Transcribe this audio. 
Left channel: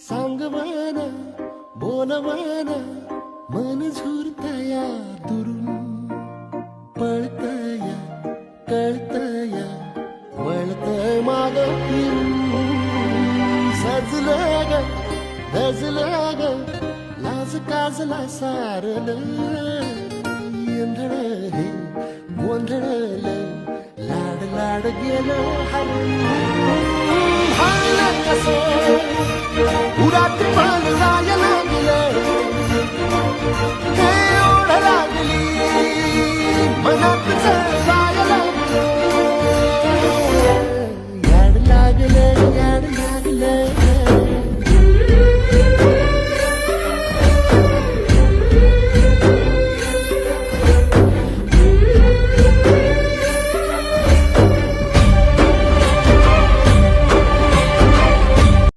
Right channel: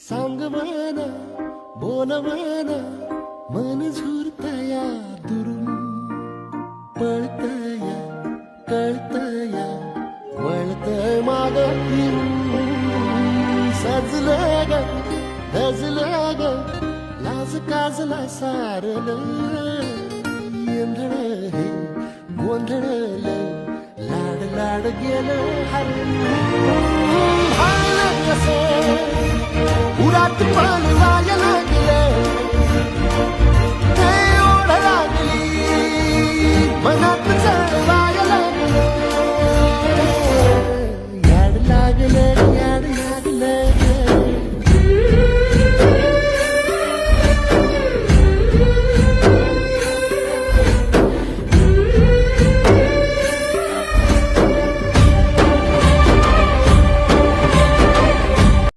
सांग मला बोल मला मन झुरतया दुरून पळतया कळतया वळतय माग फिरून सजलं ग धजलं ग लाज काजला सारलं येंधळ हे गोंधळलं लाड लाड गेलं हरून हाणलं कसं उरात पण जाय लागलं ते ओढ लागली मनात चळवाय लागलं याड लागलं